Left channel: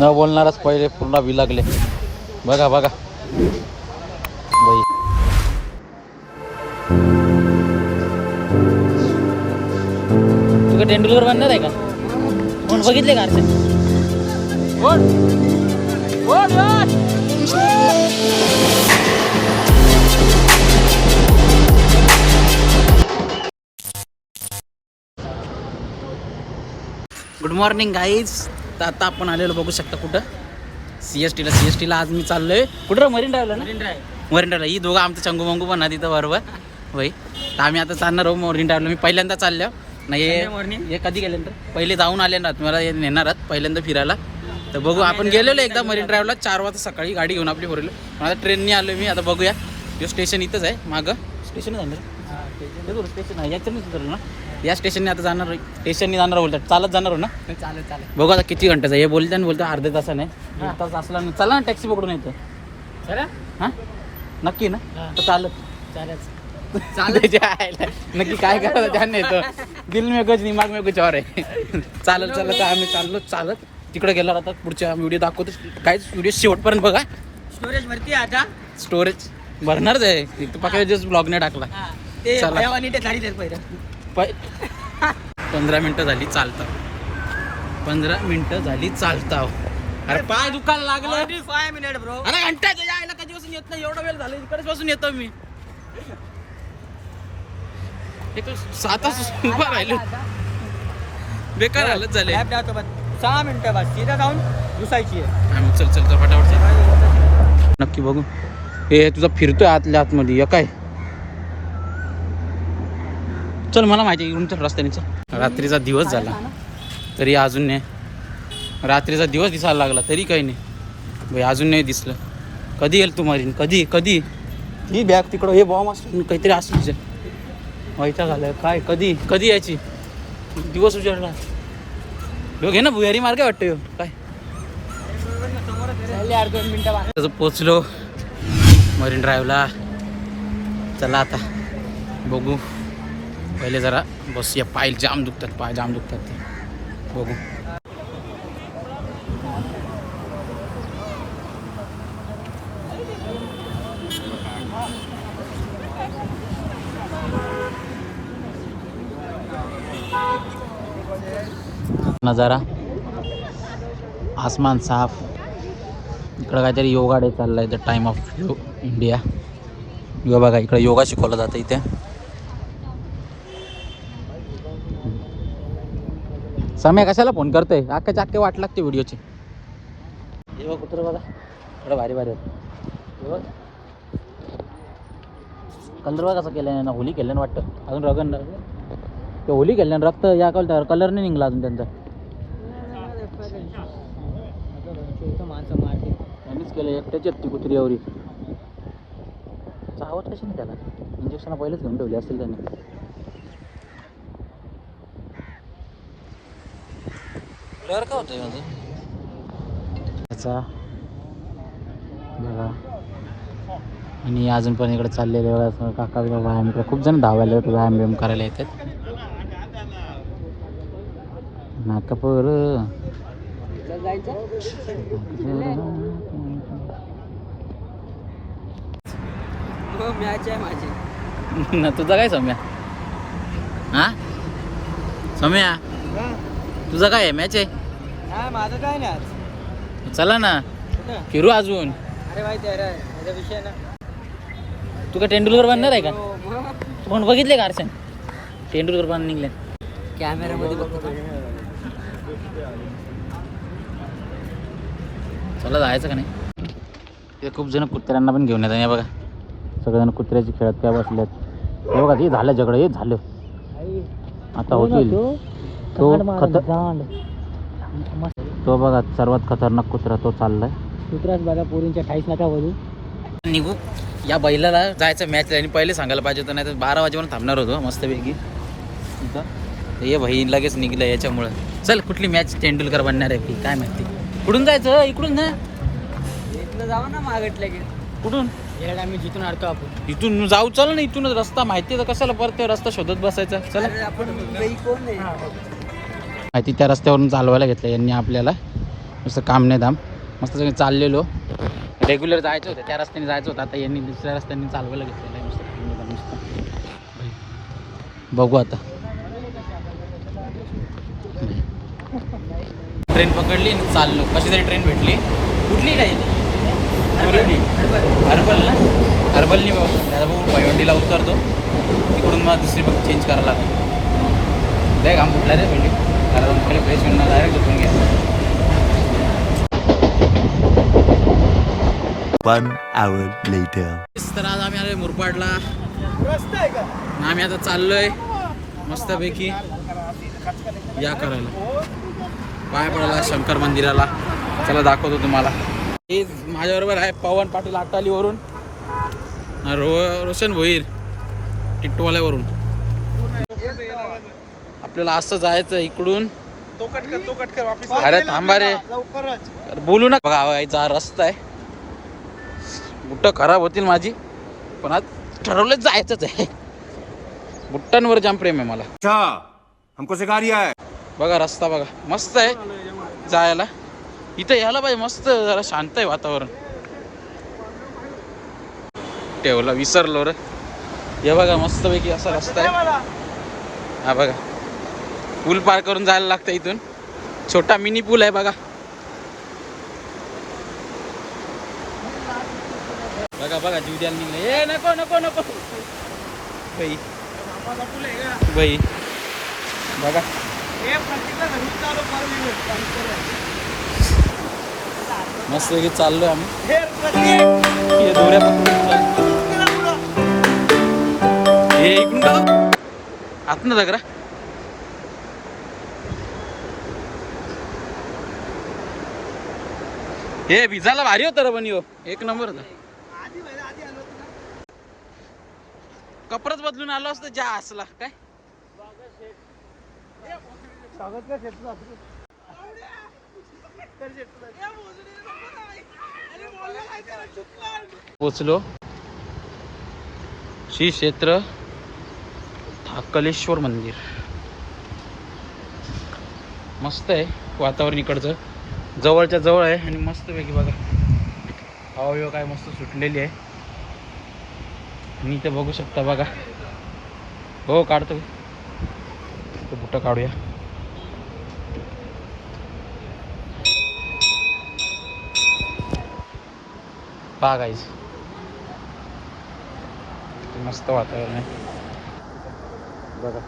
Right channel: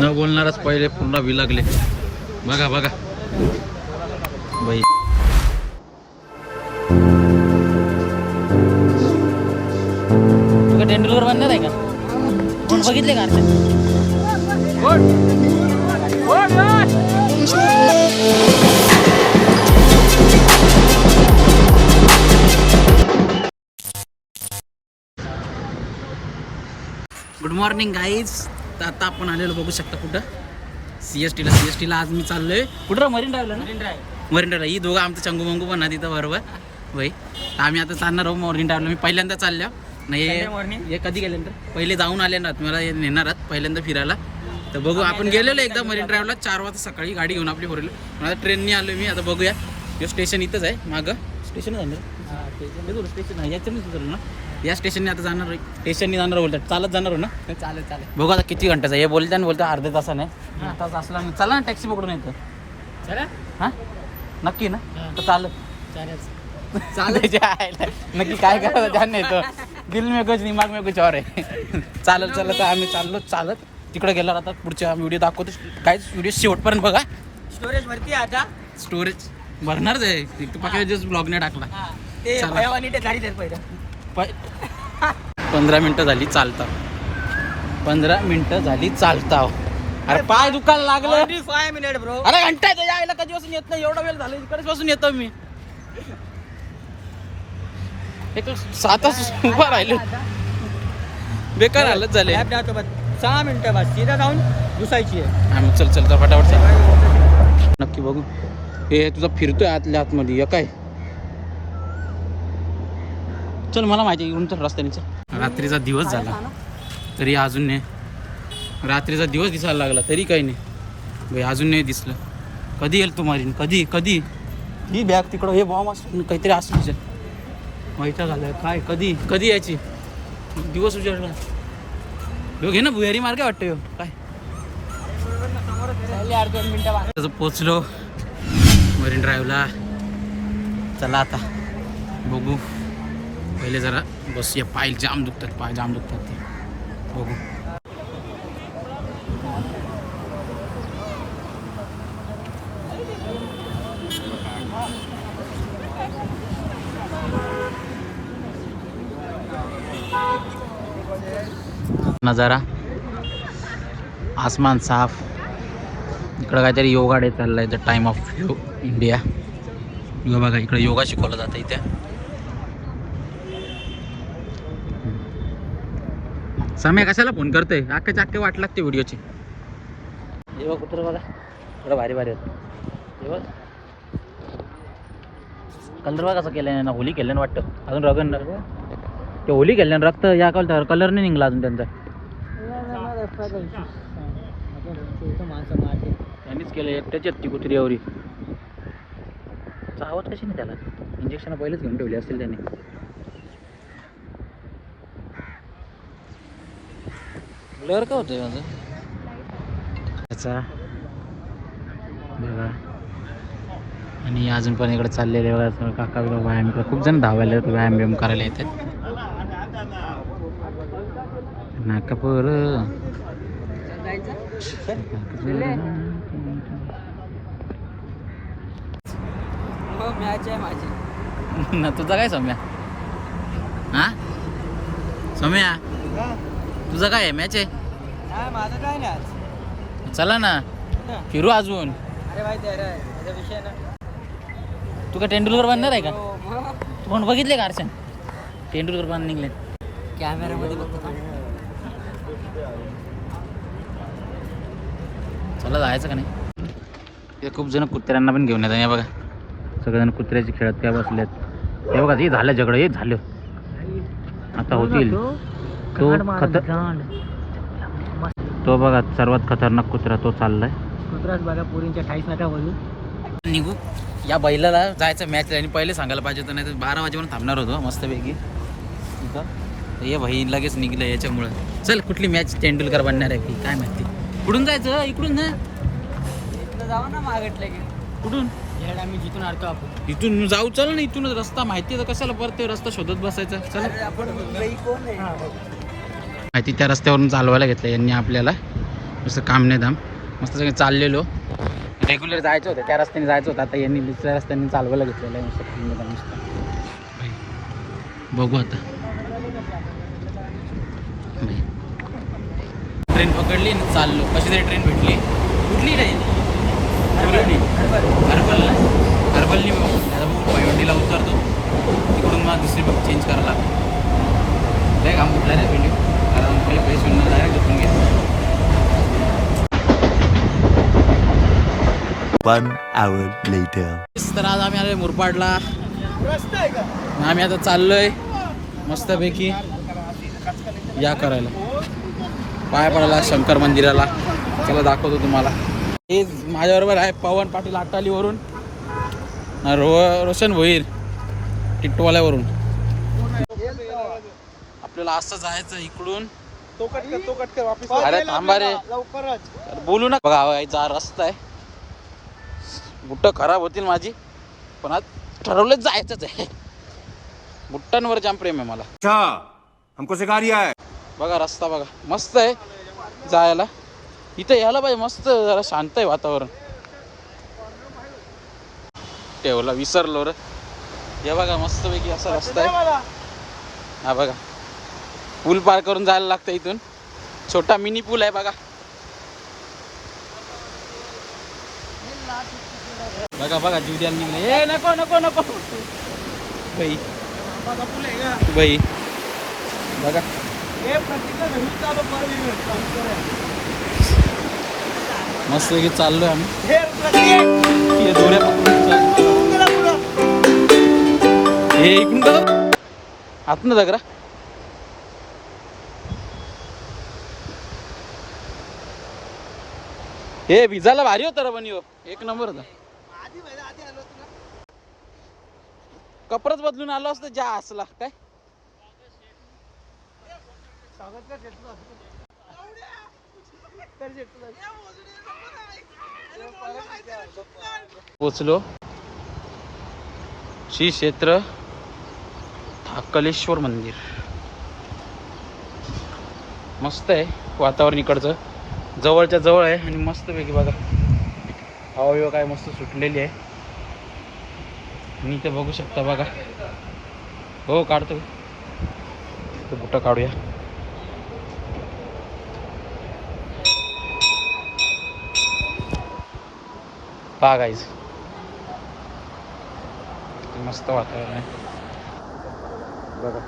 न बोलणारच पहिले पूर्ण विलागले. बघा बघा. बाई. तुका तेंडुलकर बनणार आहे का? कोण बघितले का गुड मॉर्निंग गाईज तर आता आपण आलेलो बघू शकता कुठं? सी एस टीला सी एस टीला आज मी चाललोय. कुठं मरीन ड्राईव्हला ना? मरीन ड्राईव्हला. ही दोघं आमचं चंगू मंगू पण तिथं बरोबर होय. तर आम्ही आता चालणार आहोत मरीन ड्राईव्हला. मी पहिल्यांदा चाललो नाही हे- कधी गेल्यानंतर पहिले जाऊन आले ना. मला हे नेणार आहात. पहिल्यांदा फिरायला. तर बघू आपण गेलेलो एकदा मरीन ड्राईव्हला. चार वाजता सकाळी गाडी घेऊन आपली पण आता ट्रेननी आलो मी. आता बघूया. हे स्टेशन इथंच आहे. मागं. स्टेशन आहे स्टेशन आहे. याच्यानेच उतरलो ना? या स्टेशनने आता जाणार स्टेशनने जाणार बोलतात चालत जाणार हो ना? चालेल चालेल. बघू आता किती घंट्याचा हे बोलता ना बोलता अर्ध्या तासाने एक तास असला ना चला ना टॅक्सी पकडून येतं. चला. हां? नक्की ना? तर चालत. नक्की काय करायचं ध्यान नाही तर दिल में कुछ दिमाग में कुछ और आहे चालत चालत आम्ही चाललो चालत. तिकडे गेल्यावर आता पुढच्या व्हिडिओ दाखवतो. काय व्हिडिओ शेवटपर्यंत बघा. स्टोरेज वरती आहे का स्टोरेज भरणारच आहे. जस्ट ब्लॉगने टाकला. हा. चला. पंधरा मिनिटं झाली चालता. पंधरा मिनिटं झाली चालता. अरे पाय दुखायला लागलं. फाय मिनिट ब्रो अरे घंटा यायला कधीपासून येत नाही. एवढा वेळ झाला इकडेच पासून येतो मी. एक तर सात तास उभा राहिलो. बेकार हालत झाले. सहा मिनिटं बस सीधा जाऊन घुसायची आहे. आम्ही चल चल चल फटाफट चल. नक्की बघू. हे तुझा फिरतोय आतल्या आतमध्ये. या काय? चल मला माहिती आहे, इकडून चल रस्त्याने चल. रात्रीचा दिवस झाला. तरी अजून नाही. रात्रीचा दिवस दिसायला लागला तरी काही नाही. भाई अजून नाही दिसलं. कधी येईल तू मारीन कधी? कधी? ही बॅग तिकडं हे बॉम्ब असतो मी काहीतरी असं व्हायचा झालं काय? कधी? कधी यायची? दिवस उजाडला. ह्यो घे ना भुयारी मार्ग आहे वाटतं ह्यो. काय? झाले पोचलो. मरीन ड्राईव्हला चला आता. बघू. पहिले जरा बस या पाय जाम दुखतात पाय जाम दुखतात. बघू. नजारा. आसमान साफ. इकडं काहीतरी योगा डे चाललाय द टाइम ऑफ यो इंडिया. यो बघा इकडे योगा शिकवला जातं इथे. समय कशाला फोन करतोय? अख्खाचे अख्खे वाट लागते व्हिडिओची. हे बघ कुत्र बघा. थोडं भारी भारी आहेत. कलर बघा कसं केलं ना होली केल्यानं वाटतं. अजून रगन ते होली केल्यानं रक्त या कलर कलर नाही निघला अजून त्यांचा. माणसं त्यांनीच केलं एकट्याची ती कुत्री एवढी चावत कशी नाही त्याला? इंजेक्शन पहिलेच घेऊन ठेवली असतील त्यांनी. ब्लर का होतं त्याचा बघा. आणि अजून पण इकडे चाललेले बघा असं काका व्यायाम इकडे खूप जण धावायला येतात व्यायाम बियाम करायला येतात. नाकापूर माझी ना तुझा काय सौम्या? हा? सौम्या? तुझा काय आहे? मॅच आहे? हा माझं काय नाही आज. चला ना. कुठं? फिरू अजून. अरे माहिती आहे. रे याचा विषय ना. तू का तेंडुलकर बनणार आहे का? हो, मग. तू कोण बघितले का अर्चन तेंडुलकर बन निघले. कॅमेरामध्ये बघतो का? चला जायचं का नाही? ते खूप जण कुत्र्यांना पण घेऊन येतात हे बघा. सगळेजण कुत्र्याची खेळत काय बसलेत. हे बघा हे झालं झगडं हे झालं. आता होतील. तो खतर. तो बघा सर्वात खतरनाक कुत्रा तो चाललाय. कुत्राच बघा पोरींच्या ठाईस नका बोलू. निघू. या बैलाला जायचं मॅच आणि पहिले सांगायला पाहिजे होतं नाही तर बारा वाजेपर्यंत थांबणार होतो मस्तपैकी इथं. ये भाई लगेच निघलं याच्यामुळं. चल कुठली मॅच तेंडुलकर बनणार आहे की काय माहिती. कुठून जायचं इकडून ना इथलं जाऊ ना मागटल्या की कुठून? आम्ही जिथून अडतो आपण. इथून जाऊ चल ना इथूनच. रस्ता माहिती आहे तर कशाला परत ते रस्ता शोधत बसायचा. चला. आपण कोण नाही माहिती त्या रस्त्यावरून चालवायला घेतलं यांनी आपल्याला. नुसतं काम नाही धाम मस्त सगळे चाललेलो. रेग्युलर जायचं होतं त्या रस्त्याने जायचं होतं. आता यांनी दुसऱ्या रस्त्याने चालवायला घेतलेलं आहे. नुसतं काम नाही धाम नुसतं बघू आता. ट्रेन पकडली चाललो. कशी तरी ट्रेन भेटली. कुठली नाही हर्बल ना हर्बलनी बघू. त्याला बघून पैवंडीला उतरतो. तिकडून मला दुसरी बघ चेंज करायला लागतो बॅग काम कुठला रे पहिले कारण पैसे डायरेक्ट झोपून. तर आज आम्ही आलोय मुरपाडला. आम्ही आता चाललोय मस्तपैकी या करायला. पाया पडायला शंकर मंदिराला. चला दाखवतो तुम्हाला. हे माझ्याबरोबर आहे पवन पाटील हातालीवरून रो रोशन भोईर टिटवाल्यावरून आपल्याला असं जायचं इकडून. तो कट कर तो कट कर वापस अरे थांबा रे. बोलू ना. बघा हा याचा रस्ता आहे. बुट्ट खराब होतील माझी पण आज ठरवलं जायचंच आहे. बुट्टांवर जाम प्रेम आहे मला. अच्छा हमको सिखा रिया है. बघा रस्ता बघा. मस्त आहे जायला. इथं यायला पाहिजे मस्त जरा शांत आहे वातावरण. ठेवला विसरलो रे. हे बघा मस्तपैकी असा रस्ता आहे. हा बघा. पूल पार करून जायला लागतं इथून. छोटा मिनी पूल आहे बघा. बघा बघा जुडियन ए नको नको नको. बाई. बाई. बघा. मस्त चाललोय आम्ही. हे इकडून का आतनं जागरा हे विजाला भारी होता रे पण यो. एक नंबर होता. कपडच बदलून आलो असतो ज्या असला. काय? पोचलो. श्री क्षेत्र थाकलेश्वर मंदिर. मस्त आहे वातावरण इकडचं. जवळच्या जवळ आहे आणि मस्तपैकी बघा. हवा काय मस्त सुटलेली आहे. आणि इथे बघू शकता बघा. हो काढतो ते बुटं काढूया. पहा मस्त वातावरण आहे. बघा.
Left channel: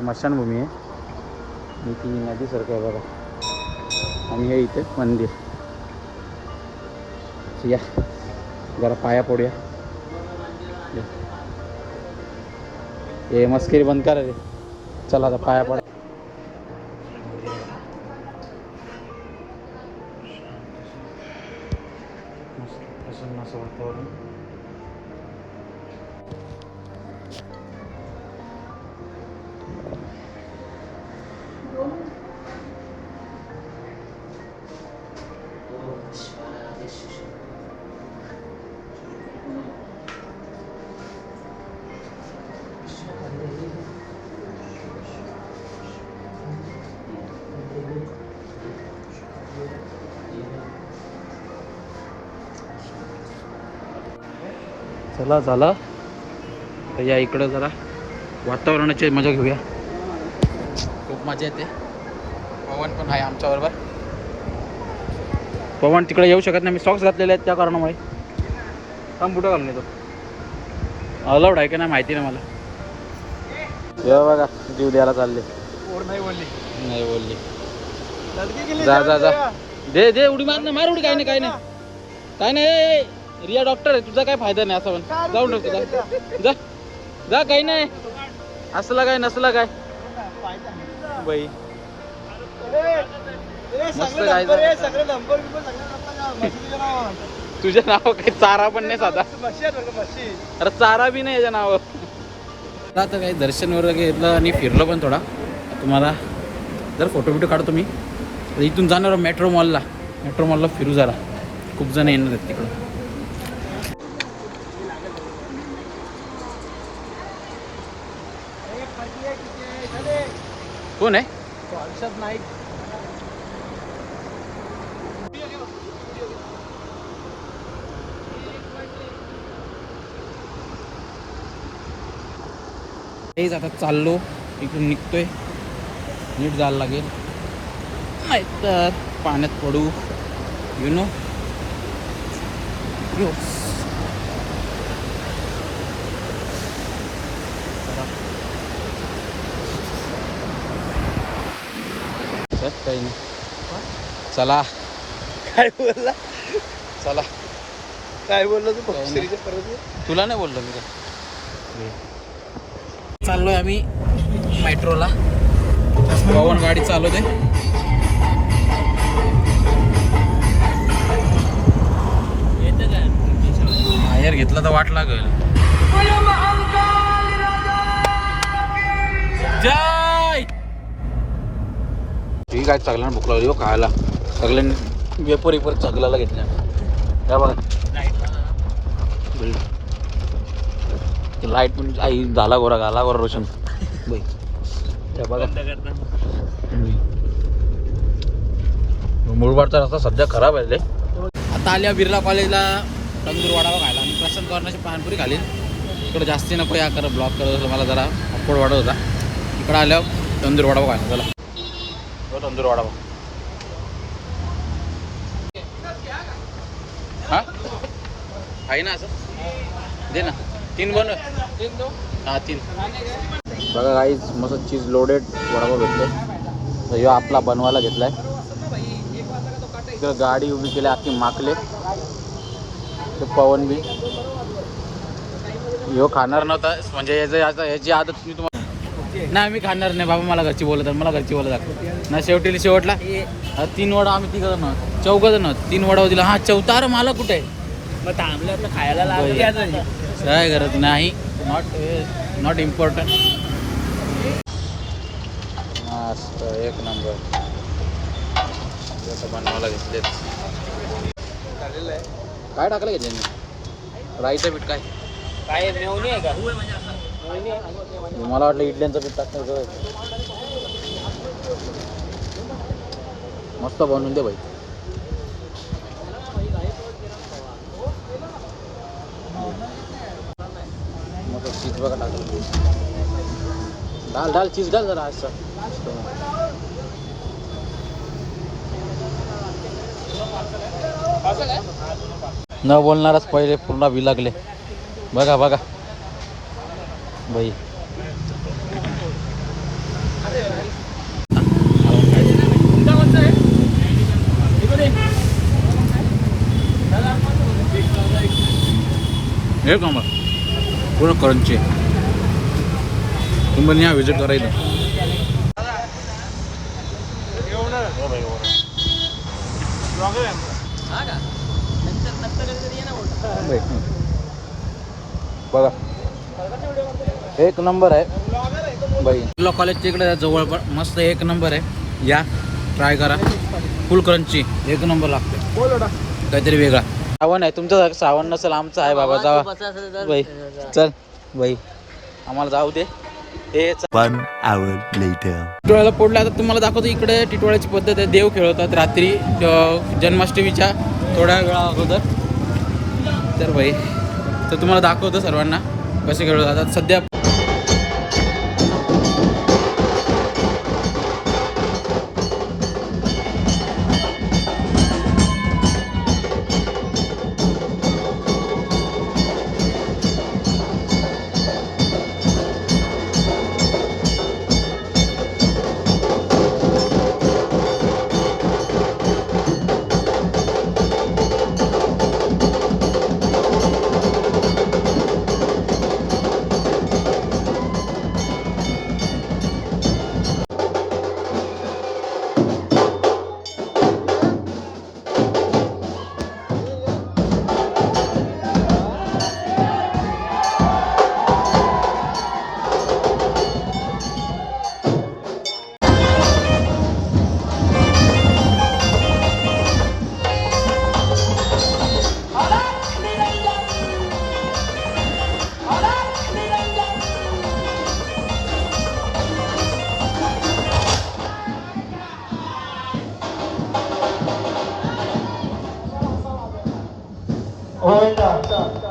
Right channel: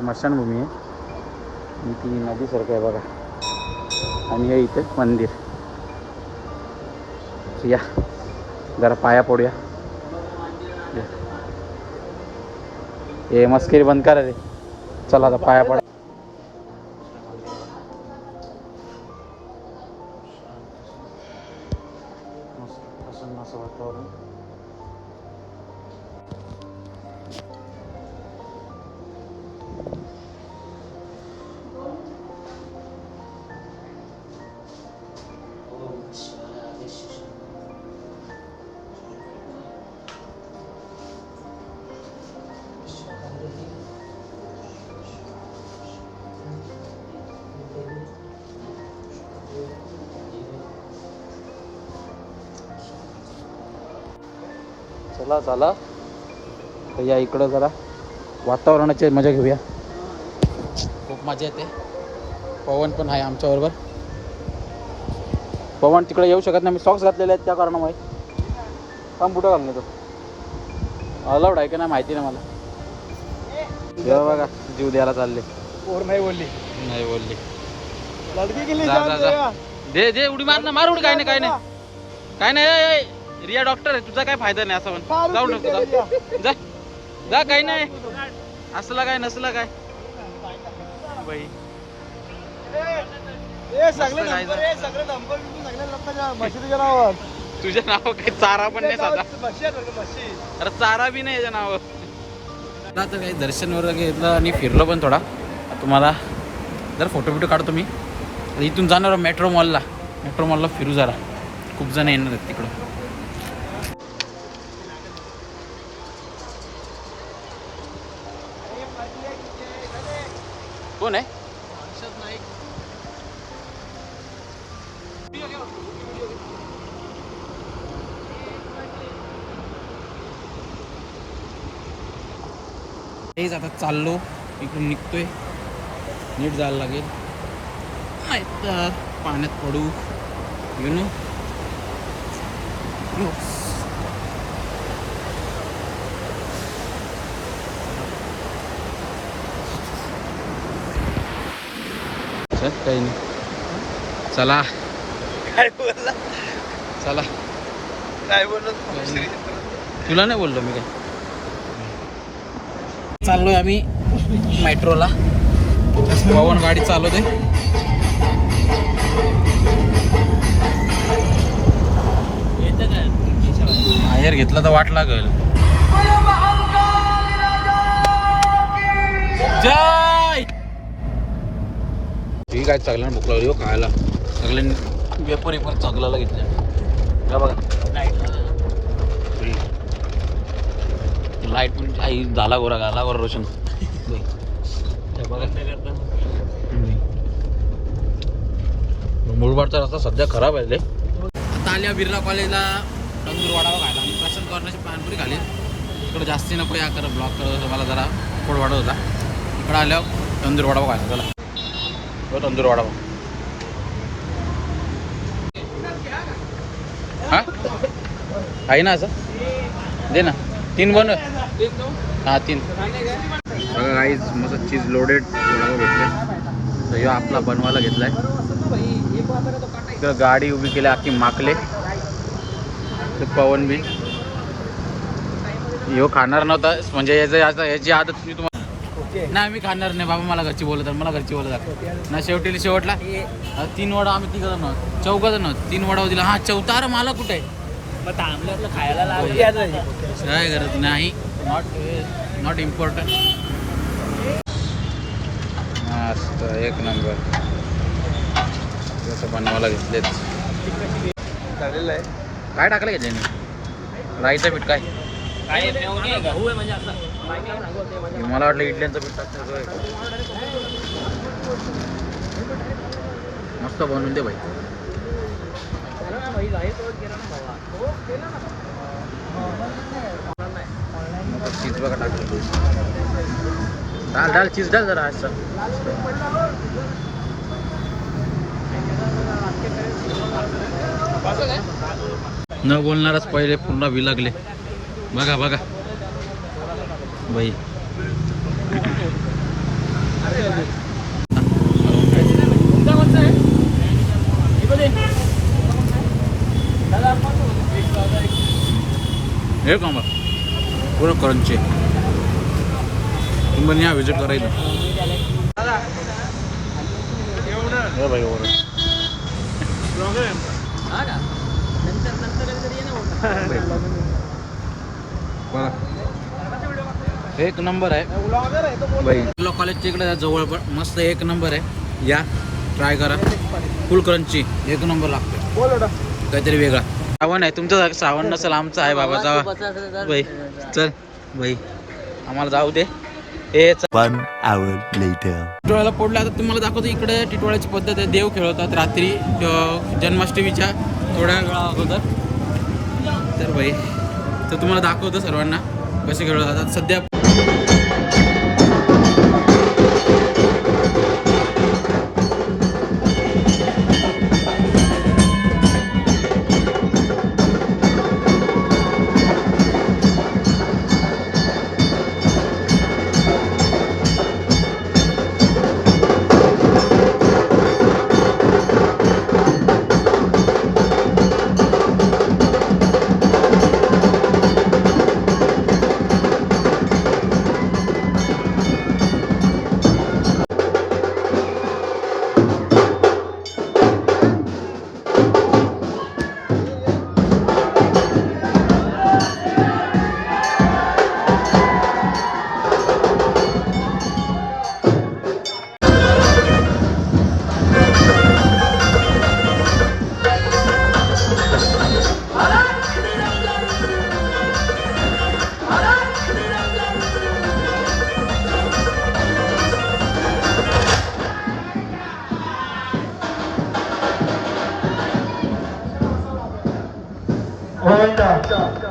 मशानभूमी आहे. आणि ती नदीसारखं आहे बघा. आणि हे इथे मंदिर. या. जरा पाया पडूया. या. हे मस्करी बंद करा रे. चला आता पाया पडा. चला झाला. तर या इकडं जरा वातावरणाची मजा घेऊया. खूप मजा येते. पवन पण आहे आमच्याबरोबर. पवन तिकडे येऊ शकत नाही. मी सॉक्स घातलेले आहेत त्या कारणामुळे. थांब बुटं घालून येतो. अलाउड आहे का नाही माहिती नाही मला. जेव्हा बघा जीव द्यायला चालले. नाही बोलली. जा, जा. दे दे उडी मार ना मार उडी. काय नाही काय नाही. काय नाही ए, ए, रिया डॉक्टर आहे तुझा काय फायदा नाही असं पण जाऊ नको जाऊ. जा. जा काही नाही. असला काय नसला काय. बाई. तुझ्या नाव काही चारा पण नाही साधा. अरे चारा बी नाही याच्या नावावर. आता काही दर्शन वगैरे घेतलं आणि फिरलो पण थोडा. तुम्हाला जर फोटो बिटो काढतो मी. इथून जाणार मेट्रो मॉलला मेट्रो मॉलला फिरू जरा. खूप जण येणार आहेत तिकडं कोण आहे? तेच आता चाललो इकडून निघतोय. नीट जायला लागेल. नाही तर पाण्यात पडू. यु नो काही नाही. चला. काय बोलला? चला. काय बोललो तुला नाही बोललो मी काय? चाललोय आम्ही मेट्रोला. गाडी चालवते. बाहेर घेतला तर वाट लागल. जय ठीक आहे सगळ्यांना भूक लागली हो खायला. सगळ्यांनी वेपर वेपर चगलाला घेतल्या. या बघा. लाइट पण आई झाला गोरा घाला गोरा रोशन. बाई. त्या बघा. मुळबाडचा रस्ता सध्या खराब आहे रे. आता आल्या बिर्ला कॉलेजला तंदूर वडावा खायला आणि प्रशांत कॉर्नरची पानपुरी खाली. इकडं जास्ती नको या करत ब्लॉक करत मला जरा अप्पोड वाढत होता. इकडं आल्यावर तंदूर वडावा खायला चला. हो तंदूर वडावा हा? आहे ना असं? दे ना. तीन बन हा तीन. बघा गाईज मस्त चीज लोडेड वडापाव भेटले. तर ह्यो आपला बनवायला घेतलाय. इकडं गाडी उभी केली अख्खी माकले. ते पवन बी. ह्यो खाणार नव्हता म्हणजे याचं याचं याची आदत मी तुम्हाला नाही मी खाणार नाही बाबा मला घरची बोलत मला घरची बोलत. ना शेवटी शेवटला हा, तीन वडा आम्ही तिघ जण चौघ जण तीन वडा दिला. हा चौथा अरे मला कुठे थांबलं खायला लागलं. काय करत नाही. नॉट नॉट इम्पॉर्टंट मस्त एक नंबर. जसं बनवायला घेतलेत. झालेलं आहे. काय टाकलं का त्यांनी राईचं पीठ काय? काय मला वाटलं इडल्यांचं पीठ टाकणार होय. मस्त बनवून दे भाई. मग चीज बघा टाकलं डाल डाल चीज डाल जरा आज न बोलणारच पहिले पूर्ण बी लागले बघा बघा. बाई हे का मग पूर्ण करंचे तुम्ही पण या विजिट करा इथं हे बाई बरं. नंतर नंतर कधीतरी ये ना बाई. बघा एक नंबर आहे. बाई. तुला कॉलेज तिकडे जवळ पण मस्त एक नंबर आहे. या ट्राय करा. फुल क्रंची एक नंबर लागते काहीतरी वेगळा. सावण आहे. तुमचं सावण नसेल आमचं आहे बाबा. जावा. बाई. चल. बाई. आम्हाला जाऊ दे. चल. One hour later. टिटोळ्याला पडलं आता तुम्हाला दाखवतो इकडे टिटोळ्याची पद्धत आहे. देव खेळवतात रात्री जन्माष्टमीच्या थोड्या वेळा अगोदर. तर बाई तर तुम्हाला दाखवतो सर्वांना. कसे खेळवतात आता सध्या 欢迎大家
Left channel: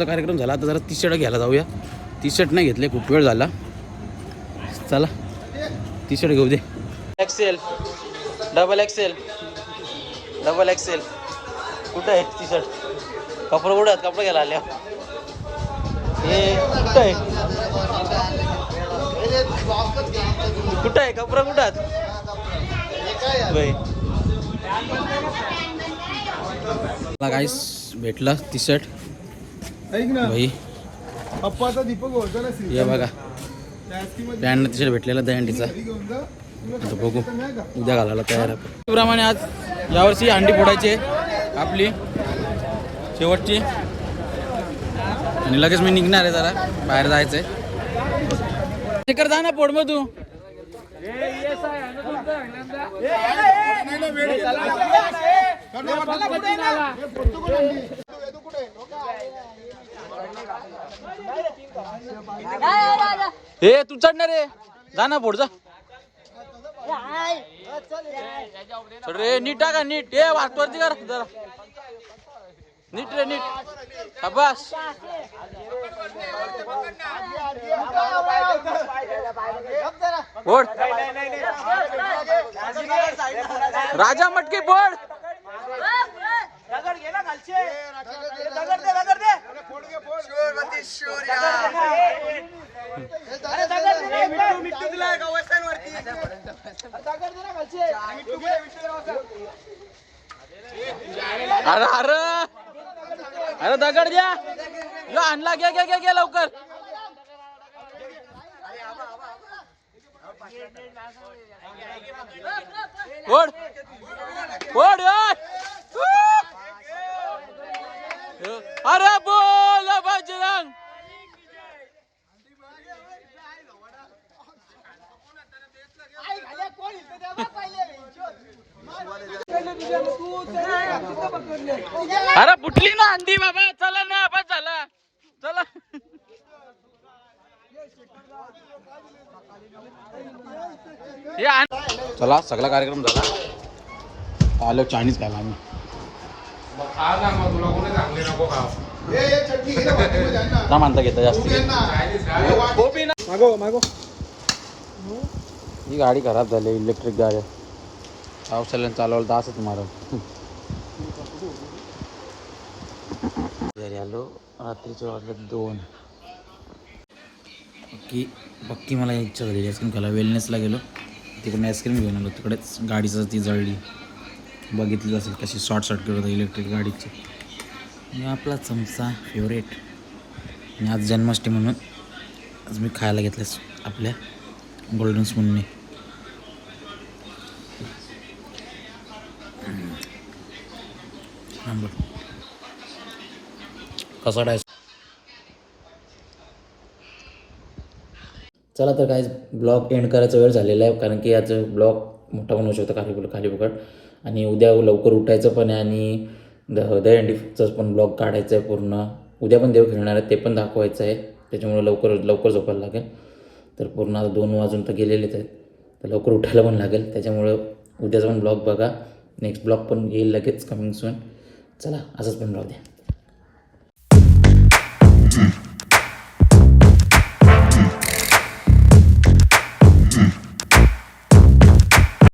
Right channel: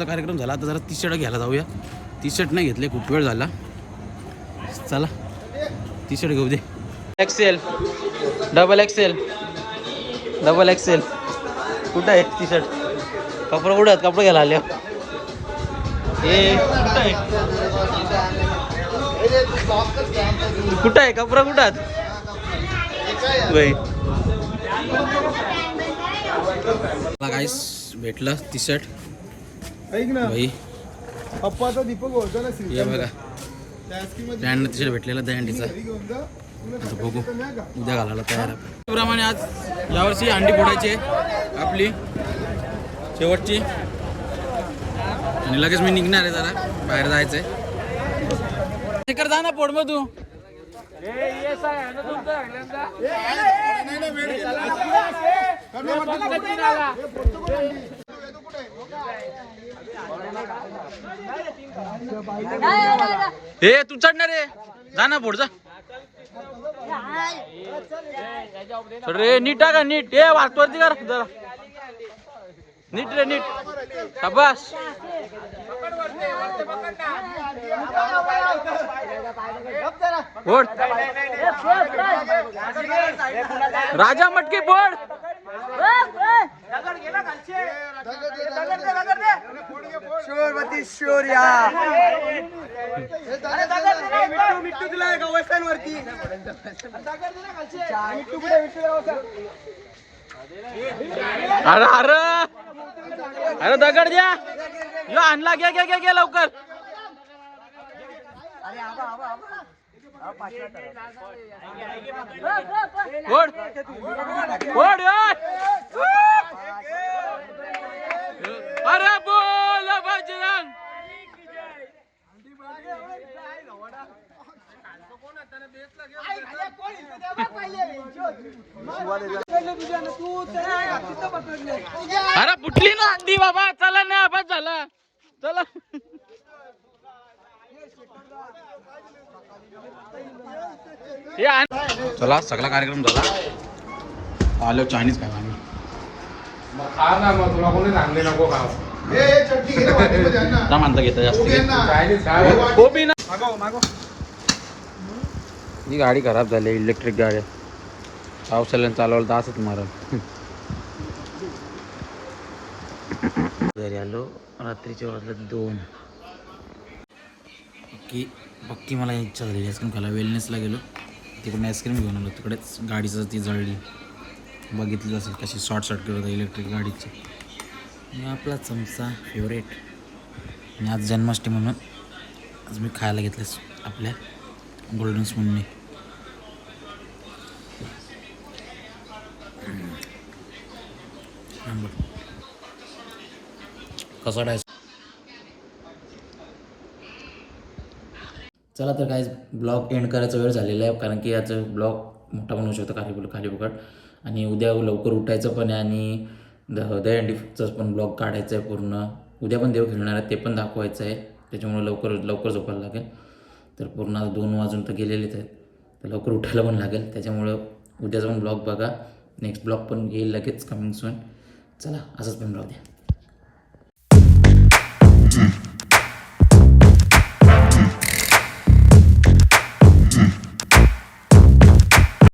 देवांचा कार्यक्रम झाला. आता जरा टी शर्ट घ्यायला जाऊया. टी शर्ट नाही घेतले खूप वेळ झाला. चला. टी शर्ट घेऊ दे. XL double XL double XL कुठं आहे टी शर्ट कपडे कुठं आहेत कपडे घ्यायला आले. हे कुठं आहे? कुठं आहे? कपडा कुठं आहेत? बाई. मला काहीच भेटलं टी शर्ट भाई हे बघा ब्रँड भेटलेला दहंडीचा आता बघू उद्या घालायला तयार आहे त्याप्रमाणे आज यावर्षी अंडी फोडायची आपली शेवटची आणि लगेच मी निघणार आहे जरा बाहेर जायचंय तिकडे जा ना पोड मग तू ए तू चढणार रे जा ना पुढचा जा. रे नीट टाका नीट. ए वाटवरती कर जरा. नीट रे नीट. शाबास. बोल राजा मटके बोल अरे अरे. अरे दगड द्या. आणला. घ्या घ्या घ्या घ्या लवकर. आबा ओढ ओढ. अरे बोल बजरंग. अरे फुटली ना अंडी बाबा चला ना बस झाला. चला. चला सगळा कार्यक्रम झाला आलो चायनीज काय आम्ही खा ना मग तुला कोणी सांगले नको खाव ना मानता घेता जास्त खा मागो मागो ही गाडी खराब झाली इलेक्ट्रिक गाडी. पावसाळ्यानं चालवलं तर असंच मारल. घरी आलो रात्रीचे वाजले दोन. पक्की पक्की मला इच्छा झाली आईस्क्रीम खायला. वेलनेसला गेलो. तिकडून आईस्क्रीम घेऊन आलो. तिकडेच गाडीचं ती जळली. बघितली असेल कशी शॉर्ट सर्किट होतं इलेक्ट्रिक गाडीची. मी आपला चमचा फेवरेट आणि आज जन्माष्टमी म्हणून आज मी खायला घेतलं आपल्या गोल्डन स्पूनने नंबर. कसा डायस चला तर काय ब्लॉग एंड करायचा वेळ झालेला आहे कारण की याचं ब्लॉग मोठा पण होऊ शकतो खाली खाली फुकट आणि उद्या लवकर उठायचं पण आहे आणि द दहीहंडीचं पण ब्लॉग काढायचं आहे पूर्ण. उद्या पण देव खेळणार आहे ते पण दाखवायचं आहे. त्याच्यामुळे लवकर लवकर झोपायला लागेल. तर पूर्ण आता दोन वाजून तर गेलेलेच आहेत. तर लवकर उठायला पण लागेल. त्याच्यामुळं उद्याचा पण ब्लॉग बघा. नेक्स्ट ब्लॉग पण येईल लगेच कमिंग सून चला असंच पण ब्लॉग द्या.